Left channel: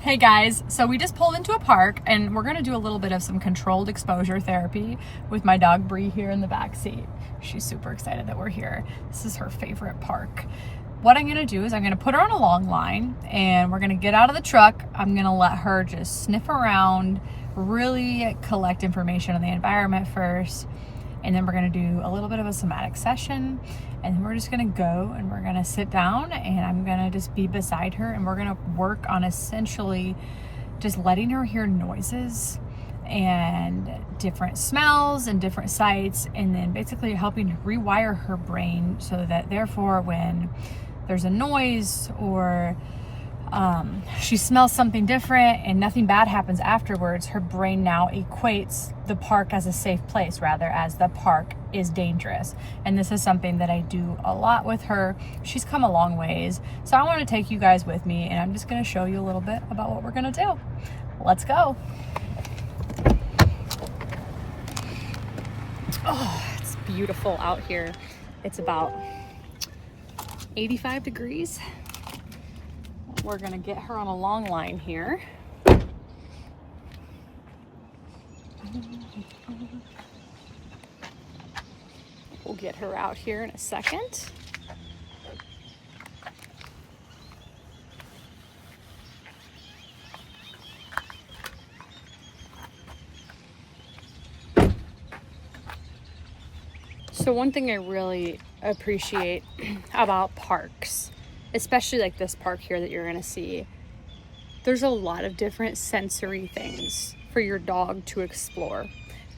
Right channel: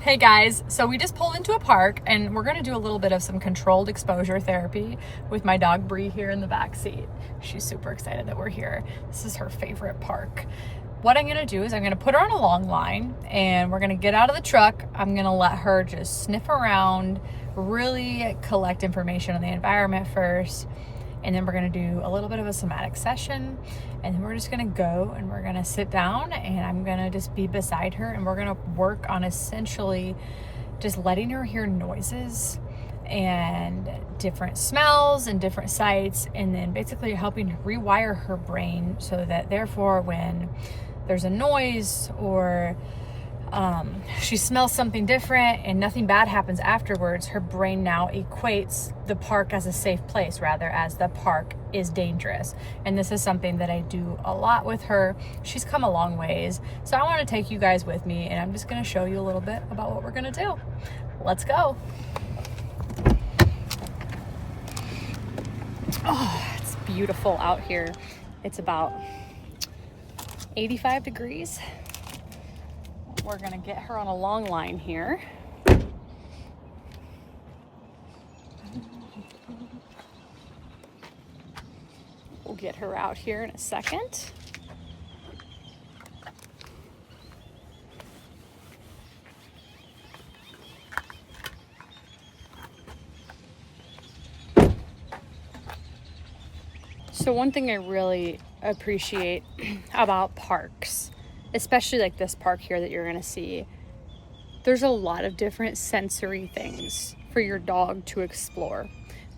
Hey guys, so we just pulled into a park and we're gonna do a little bit of some controlled exposure therapy with my dog Bree here in the back seat. She's super excited that we're here. This is her favorite park. What I'm gonna do is I'm gonna put her on a long line and we're gonna get out of the truck. I'm gonna let her just sniff around, really collect information on the environment first. And then we're gonna do a little bit of a somatic session, and then we're just gonna go and we're gonna sit down and I'm gonna just be beside her and we're gonna work on essentially just letting her hear noises and different smells and different sights, and then basically helping to rewire her brain so that therefore when there's a noise or she smells something different and nothing bad happens afterwards, her brain now equates the park as a safe place rather as the park is dangerous. And this is something that I do a lot with her. She's come a long ways. So I want to take you guys with me and I'm just going to show you a little bit about what we're going to do. Let's go. Oh, it's beautiful out here. It's about 85 degrees. We're gonna get her on a long line here. We'll get her out here in a second. So one thing I really appreciate about parks, especially like this park here that you're gonna see, there's a lot of different sensory things for your dog to explore,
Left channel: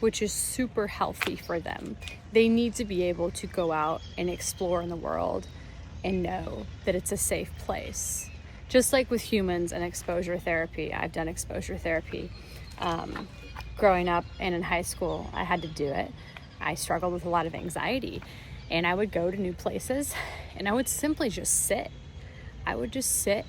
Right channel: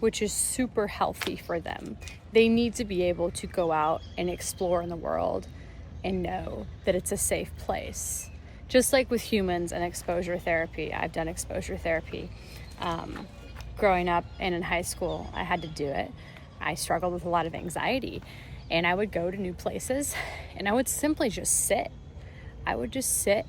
which is super healthy for them. They need to be able to go out and explore in the world and know that it's a safe place. Just like with humans and exposure therapy, I've done exposure therapy. Growing up and in high school, I had to do it. I struggled with a lot of anxiety and I would go to new places and I would simply just sit. I would just sit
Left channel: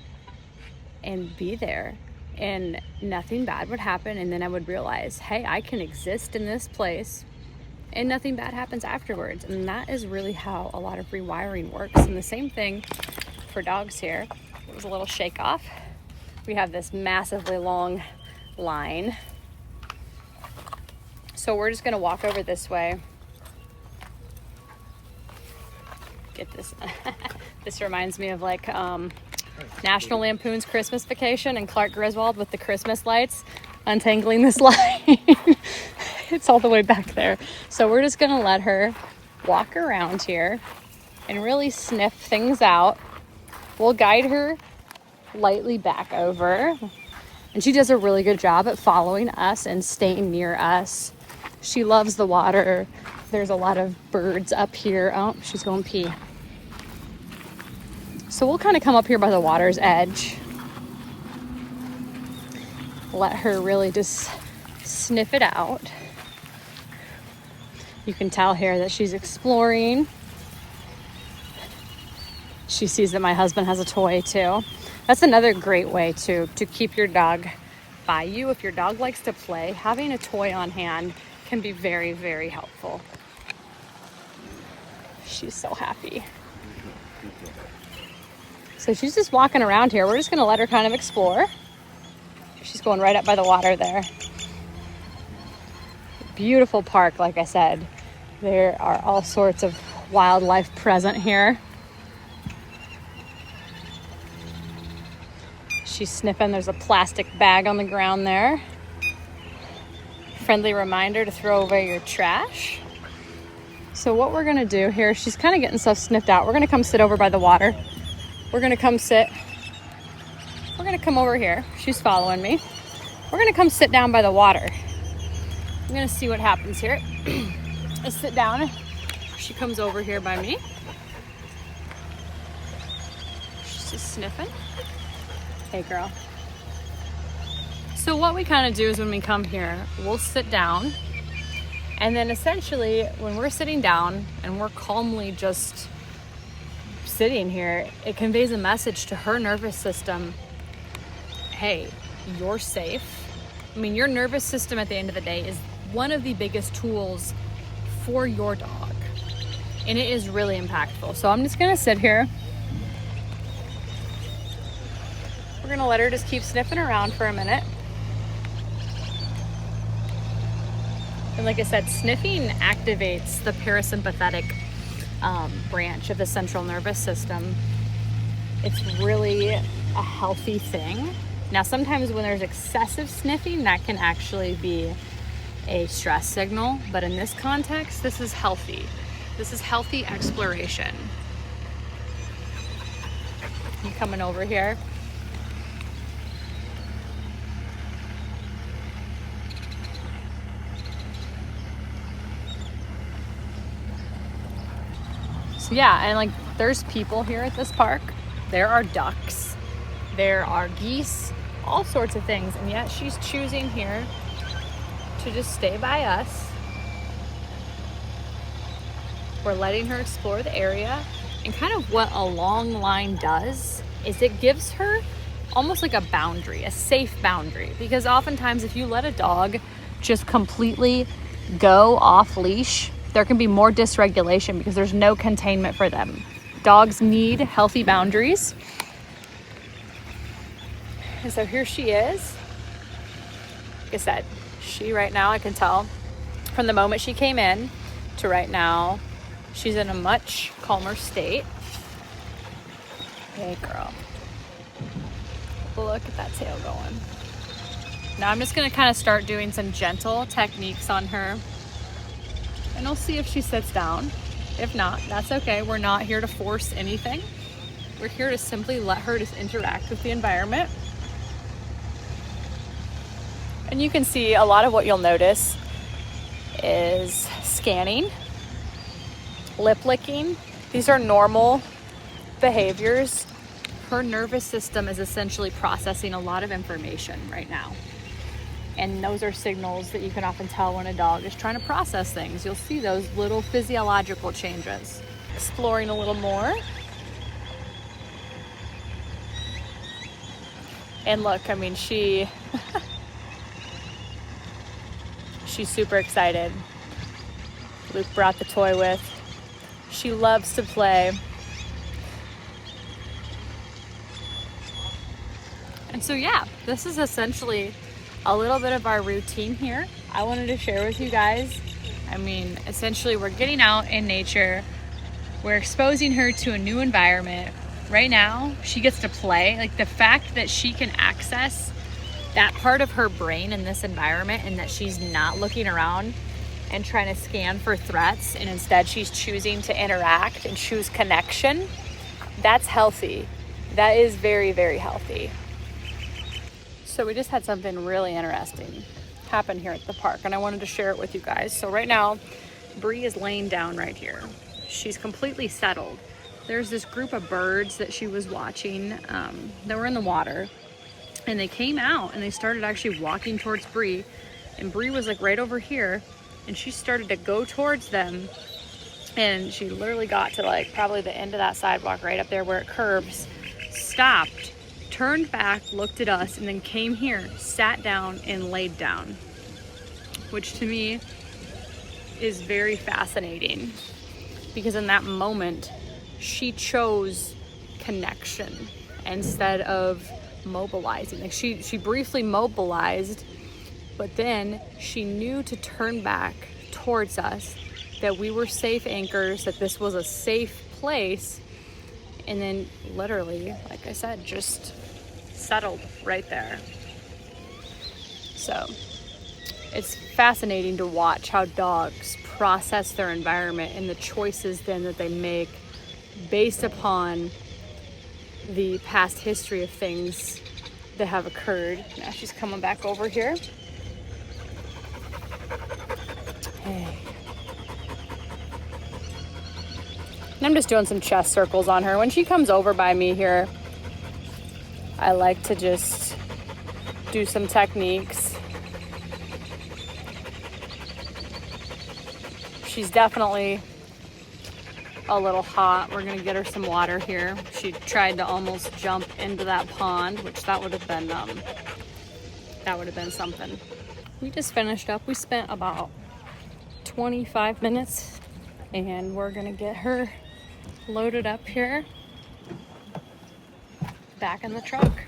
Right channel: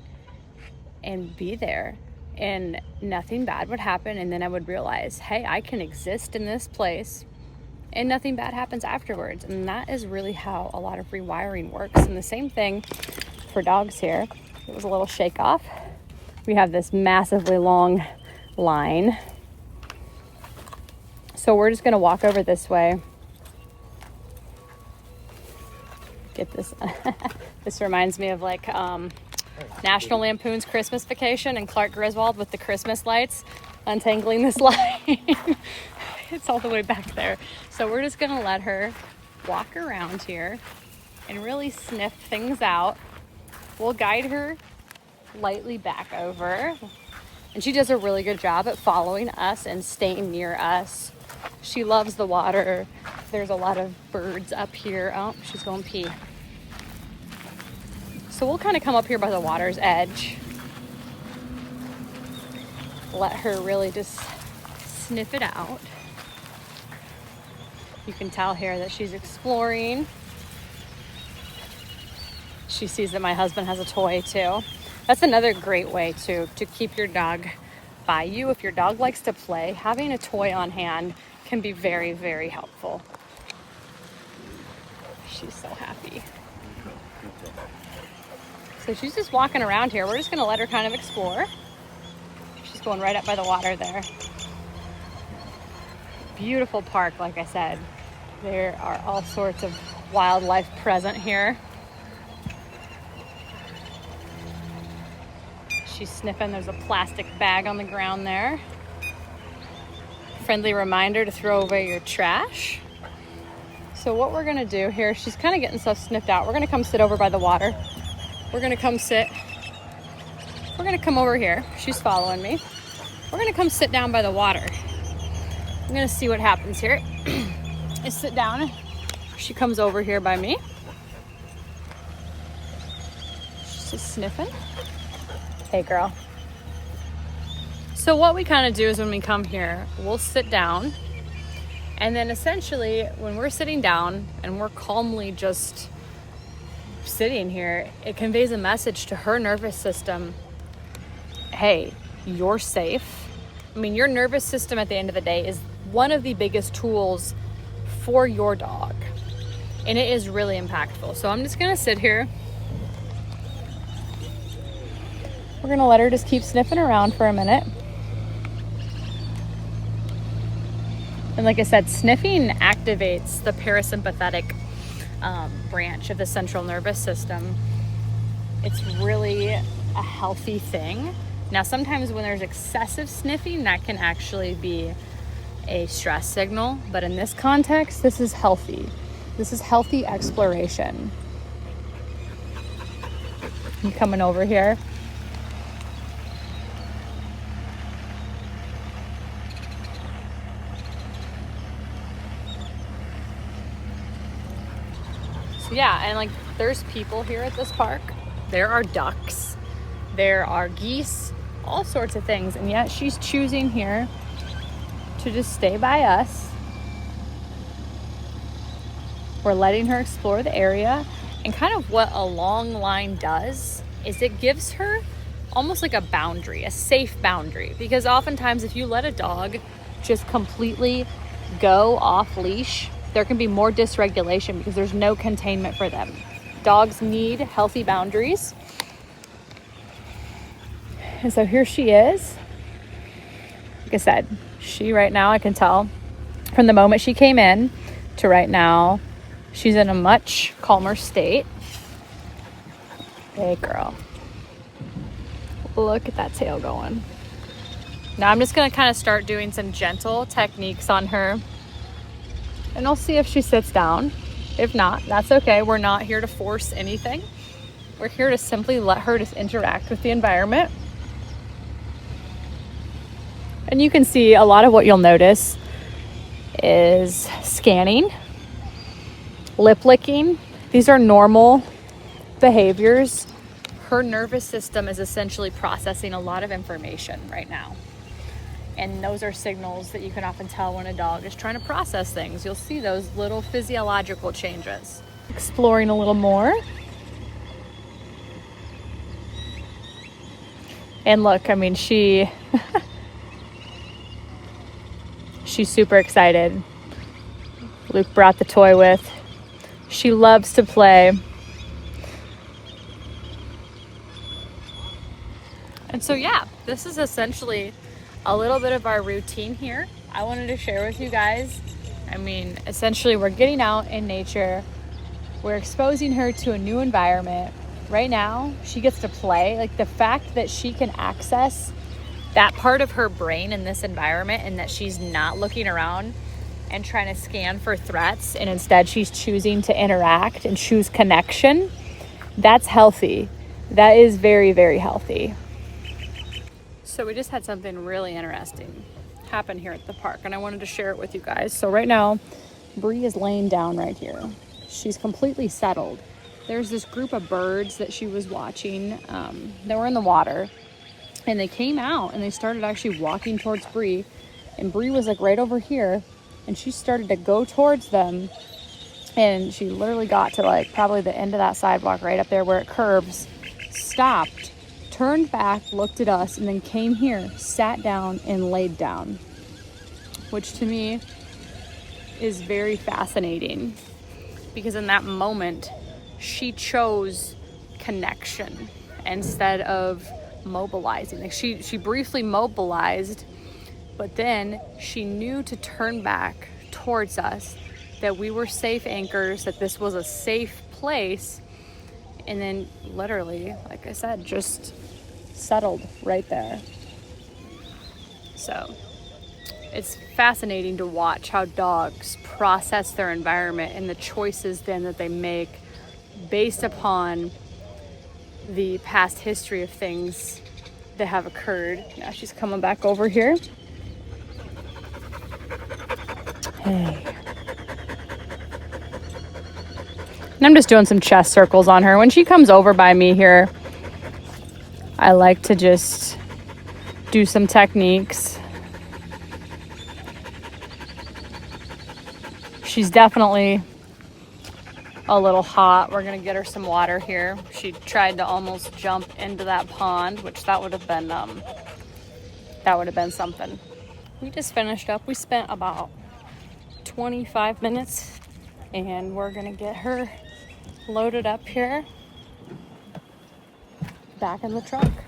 and be there and nothing bad would happen, and then I would realize, hey, I can exist in this place and nothing bad happens afterwards. And that is really how a lot of rewiring works. And the same thing for dogs here. It was a little shake off. We have this massively long line. So we're just gonna walk over this way. Get this. This reminds me of like National Lampoon's Christmas Vacation and Clark Griswold with the Christmas lights untangling this line. It's all the way back there. So we're just gonna let her walk around here and really sniff things out. We'll guide her lightly back over, and she does a really good job at following us and staying near us. She loves the water. There's a lot of birds up here. Oh, she's going pee. So we'll kind of come up here by the water's edge. Let her really just sniff it out. You can tell here that she's exploring. She sees that my husband has a toy too. That's another great way to keep your dog by you. If your dog likes to play, having a toy on hand can be very, very helpful. She's so happy. So she's just walking around here. We're just gonna let her kind of explore. She's going right up by the water there. Beautiful park, like I said. There are all sorts of wildlife present here. She's sniffing. There's a plastic bag on the ground there. Friendly reminder to throw away your trash. So what we're gonna do here, she's kind of getting stuff sniffed out. We're gonna come sit over by the water. We're gonna come sit. We're gonna come over here. She's following me. We're gonna come sit down by the water. I'm gonna see what happens here. I sit down. She comes over here by me. She's just sniffing. Hey girl. So what we kind of do is when we come here, we'll sit down, and then essentially when we're sitting down and we're calmly just sitting here, it conveys a message to her nervous system. Hey, you're safe. I mean, your nervous system at the end of the day is one of the biggest tools for your dog, and it is really impactful. So I'm just gonna sit here We're gonna let her just keep sniffing around for a minute. And like I said, sniffing activates the parasympathetic branch of the central nervous system. It's really a healthy thing. Now, sometimes when there's excessive sniffing, that can actually be a stress signal, but in this context, this is healthy. This is healthy exploration. You coming over here? So yeah, and like there's people here at this park. There are ducks, there are geese, all sorts of things, and yet she's choosing here to just stay by us. We're letting her explore the area. And kind of what a long line does is it gives her almost like a boundary, a safe boundary. Because oftentimes if you let a dog just completely go off leash, there can be more dysregulation because there's no containment for them. Dogs need healthy boundaries. And so here she is. Like I said, she right now, I can tell from the moment she came in to right now, she's in a much calmer state. Hey girl, look at that tail going. Now I'm just gonna kind of start doing some gentle techniques on her, and I'll see if she sits down. If not, that's okay. We're not here to force anything. We're here to simply let her just interact with the environment. And you can see a lot of what you'll notice is scanning, lip licking. These are normal behaviors. Her nervous system is essentially processing a lot of information right now. And those are signals that you can often tell when a dog is trying to process things. You'll see those little physiological changes. Exploring a little more. And look, I mean, she's super excited. Luke brought the toy with. She loves to play. And so yeah, this is essentially a little bit of our routine here. I wanted to share with you guys. I mean, essentially we're getting out in nature. We're exposing her to a new environment. Right now, she gets to play. Like the fact that she can access that part of her brain in this environment and that she's not looking around and trying to scan for threats, and instead she's choosing to interact and choose connection, that's healthy. That is very, very healthy. So we just had something really interesting happen here at the park, and I wanted to share it with you guys. So right now, Bree is laying down right here. She's completely settled. There's this group of birds that she was watching that were in the water, and they came out and they started actually walking towards Bree, and Bree was like right over here, and she started to go towards them, and she literally got to like probably the end of that sidewalk right up there where it curves, stopped, turned back, looked at us, and then came here, sat down, and laid down, which to me is very fascinating because in that moment she chose connection instead of mobilizing. Like she briefly mobilized, but then she knew to turn back towards us, that we were safe anchors, that this was a safe place, and then literally, like I said, just settled right there. So it's fascinating to watch how dogs process their environment and the choices then that they make based upon the past history of things that have occurred. Now she's coming back over here. Hey. And I'm just doing some chest circles on her. When she comes over by me here, I like to just do some techniques. She's definitely a little hot. We're gonna get her some water here. She tried to almost jump into that pond, which that would have been something. We just finished up. We spent about 25 minutes and we're gonna get her loaded up here back in the truck.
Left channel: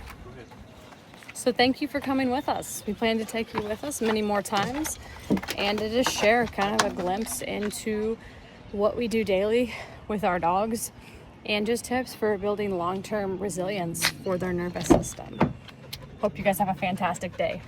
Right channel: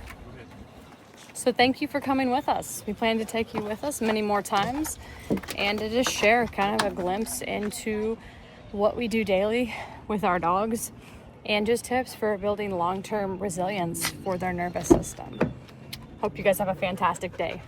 So thank you for coming with us. We plan to take you with us many more times and to just share kind of a glimpse into what we do daily with our dogs and just tips for building long-term resilience for their nervous system. Hope you guys have a fantastic day.